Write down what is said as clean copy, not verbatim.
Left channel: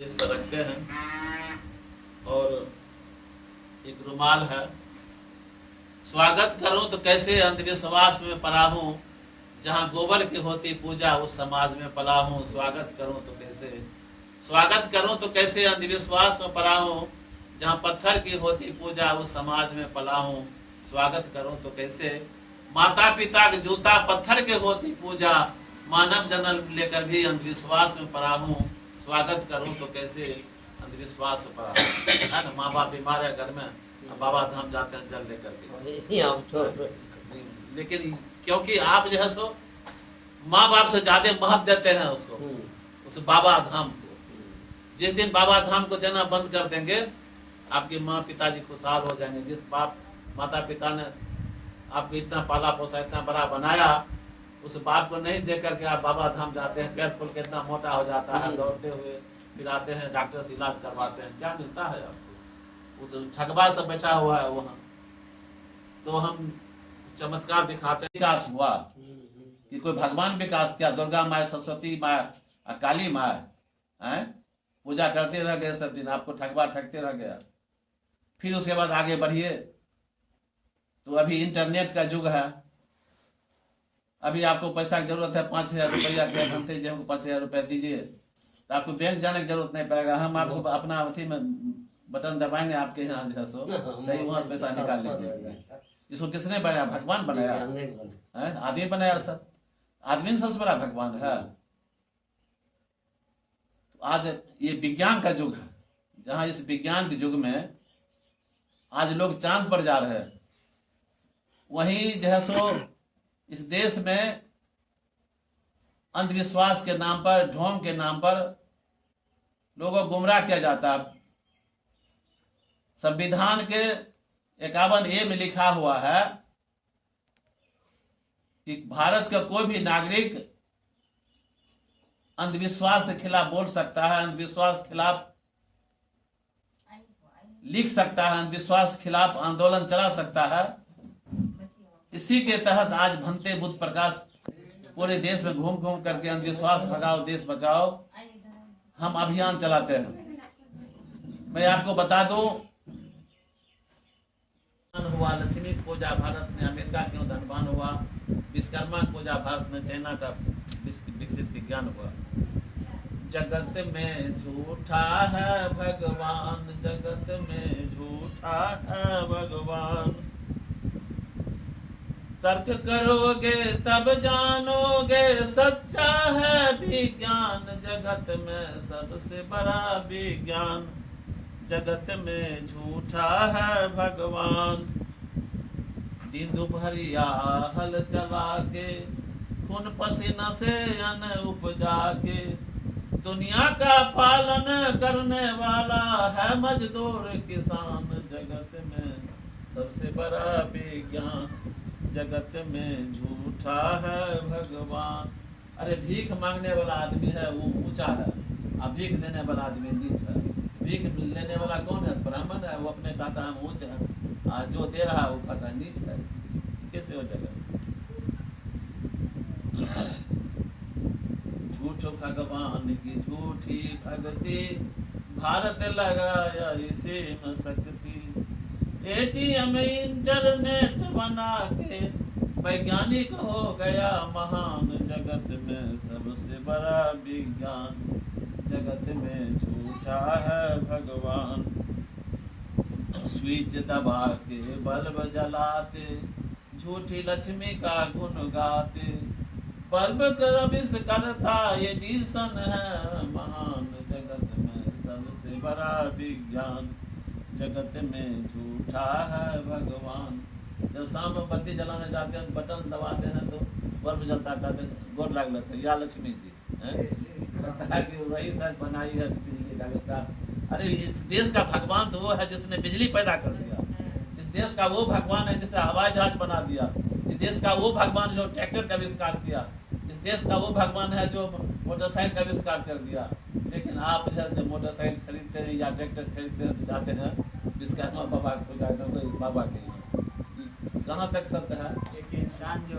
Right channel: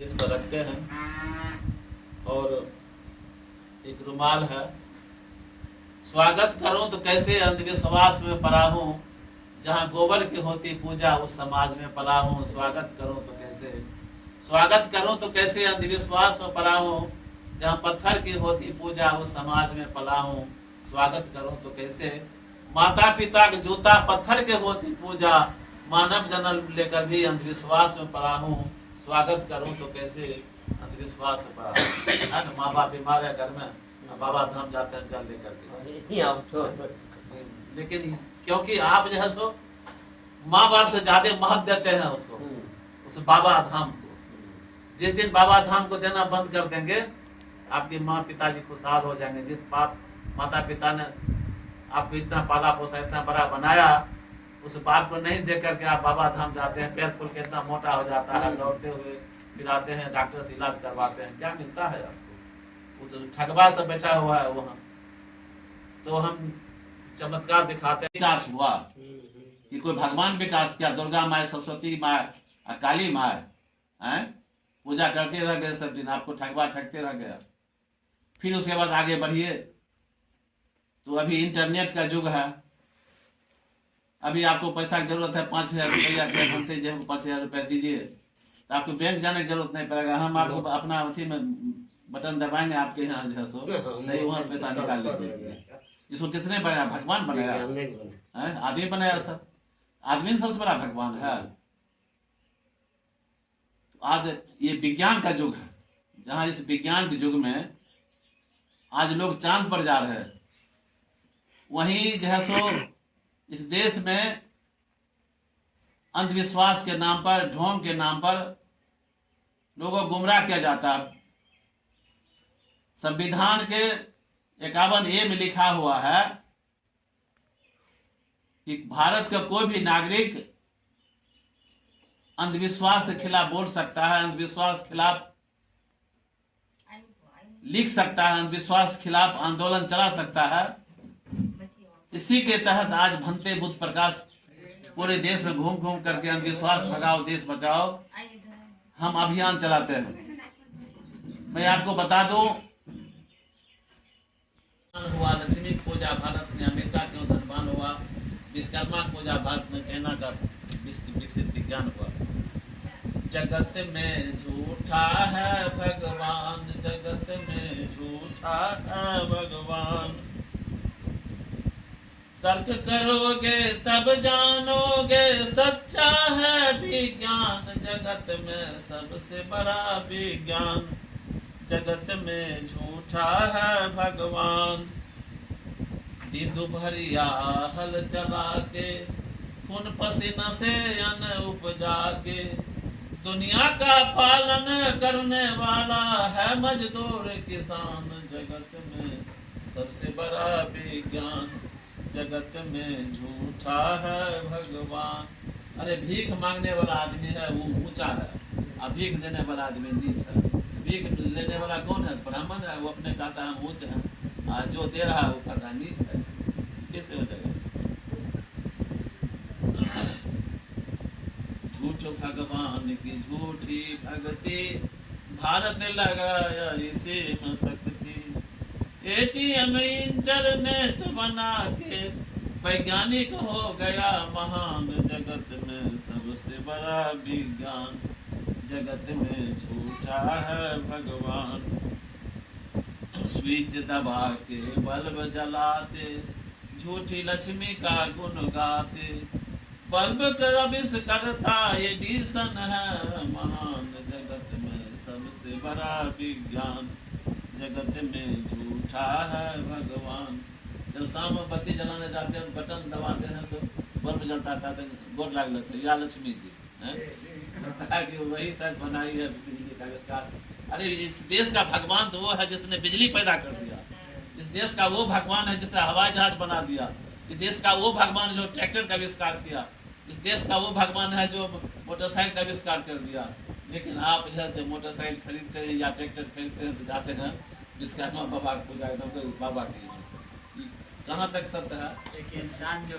इस पर रखते हैं और एक रुमाल है। स्वागत करूं तो कैसे अंधविश्वास में पड़ा हूं, जहां गोबर की होती पूजा उस समाज में पला हूं। स्वागत करूं तो कैसे अंधविश्वास में पड़ा हूं, जहां पत्थर की होती पूजा उस समाज में पला हूं। स्वागत करूं तो कैसे माता पिता के जूता पत्थर के होती पूजा, मानव जन्म लेकर भी अंधविश्वास में पड़ा हूं। स्वागत करूं तो कैसे अंधविश्वास में पड़ा है ना। माँ बाप बीमार है घर में, बाबा धाम जाते हैं जल लेकर के, लेकिन क्योंकि आप जो है सो माँ बाप से ज्यादा महत्व देते हैं उसको, उस बाबा धाम को। जिस दिन बाबा धाम को देना बंद कर देंगे, आपके माँ पिताजी खुशहाल हो जाएंगे। जिस बाप माता पिता ने आपको इतना पाला पोसा, इतना बड़ा बनाया, उस बाप को नहीं देख करके आप बाबा धाम जाते हैं, पैर खोल के इतना मोटा हो जाता है, दौड़ते हुए फिर आते हैं, डॉक्टर से इलाज करवाते हैं। क्या मिलता है आपको? वो तो ठगवा से बैठा हुआ है वहाँ। तो हम चमत्कार दिखाते हैं। विकास हुआ कि कोई भगवान विकास किया, दुर्गा माँ, सरस्वती माँ, काली माँ है, पूजा करते रह गए सब दिन, आपको ठगते रह गया। फिर उसके बाद आगे बढ़िए। तो अभी इंटरनेट का युग है। अभी आपको पैसा की जरूरत है, 5,000 रुपया घंटे जो 5,000 रुपया दीजिए, तो आपको बैंक जाने की जरूरत नहीं पड़ेगा। हम आपको अपना अथी में बटन दबाएंगे, आपके यहाँ जो सो नहीं वहाँ से पैसा निकाल लीजिए। इसको किसने बनाया? भगवान बनाया है? आदमी बनाया सब? आदमी सबसे बड़ा भगवान है। आज ये विज्ञान का युग है, जहाँ इस विज्ञान के युग में आज लोग चांद पर जा रहे हैं। वहीं जो है सो इस देश में अंधविश्वास के नाम पर, ढोंग के नाम पर लोगों को गुमराह किया जाता है। संविधान के 51A में लिखा हुआ है कि भारत का कोई भी नागरिक अंधविश्वास के खिलाफ बोल सकता है, अंधविश्वास के खिलाफ लिख सकता है, अंधविश्वास के खिलाफ आंदोलन चला सकता है। इसी के तहत आज भंते बुद्ध प्रकाश पूरे देश में घूम घूम करके अंधविश्वास भगाओ देश बचाओ हम अभियान चलाते हैं। मैं आपको बता दूं, हुआ लक्ष्मी पूजा भारत में अमेरिका क्यों धनवान हुआ, विश्वकर्मा पूजा भारत में चाइना का विकसित विज्ञान हुआ। जगत में झूठा है भगवान, जगत में झूठा है भगवान। तर्क करोगे तब जानोगे, सच्चा है विज्ञान। जगत में सबसे बड़ा विज्ञान, जगत में झूठा है भगवान। दिन दोपहरिया हल चला के, खून पसीना से अन्न उपजा के, दुनिया का पालन करने वाला है मजदूर किसान। जगत में सबसे बड़ा विज्ञान, जगत में झूठा है भगवान। अरे भीख मांगने वाला आदमी है वो ऊंचा है, और भीख देने वाला आदमी नीच है। भीख लेने वाला कौन है? ब्राह्मण है, वो अपने कहता है ऊंच है, और जो दे रहा है वो कहता है नीच है। कैसे हो जाएगा? झूठ भगवान की झूठी भक्ति, भारत लगाया इसी में शक्ति। ATM इंटरनेट बना के, वैज्ञानिक हो गया महान। जगत में सबसे बड़ा विज्ञान, जगत में झूठा है भगवान। स्विच दबा के बल्ब जलाते, झूठी लक्ष्मी का गुण गाते। बल्ब का आविष्कर्ता एडिसन है महान। जगत में सबसे बड़ा विज्ञान, जगत में झूठा है भगवान। जब शाम में बत्ती जलाने जाते हैं, बटन दबाते हैं तो बल्ब जलता था, गोर लाग लेते हैं, या लक्ष्मी जी है कि वही शायद बनाई है बिजली का आविष्कार। अरे इस देश का भगवान तो वो है जिसने बिजली पैदा कर दिया। इस देश का वो भगवान है जिसने हवाई जहाज बना दिया। इस देश का वो भगवान जो ट्रैक्टर का आविष्कार किया। इस देश का वो भगवान है जो मोटरसाइकिल का आविष्कार कर दिया। लेकिन आप जैसे मोटरसाइकिल खरीदते हैं या ट्रैक्टर खरीदते हैं तो जाते हैं विश्वकर्मा बाबा को, बाबा के। कहाँ तक सत्य है? एक इंसान जो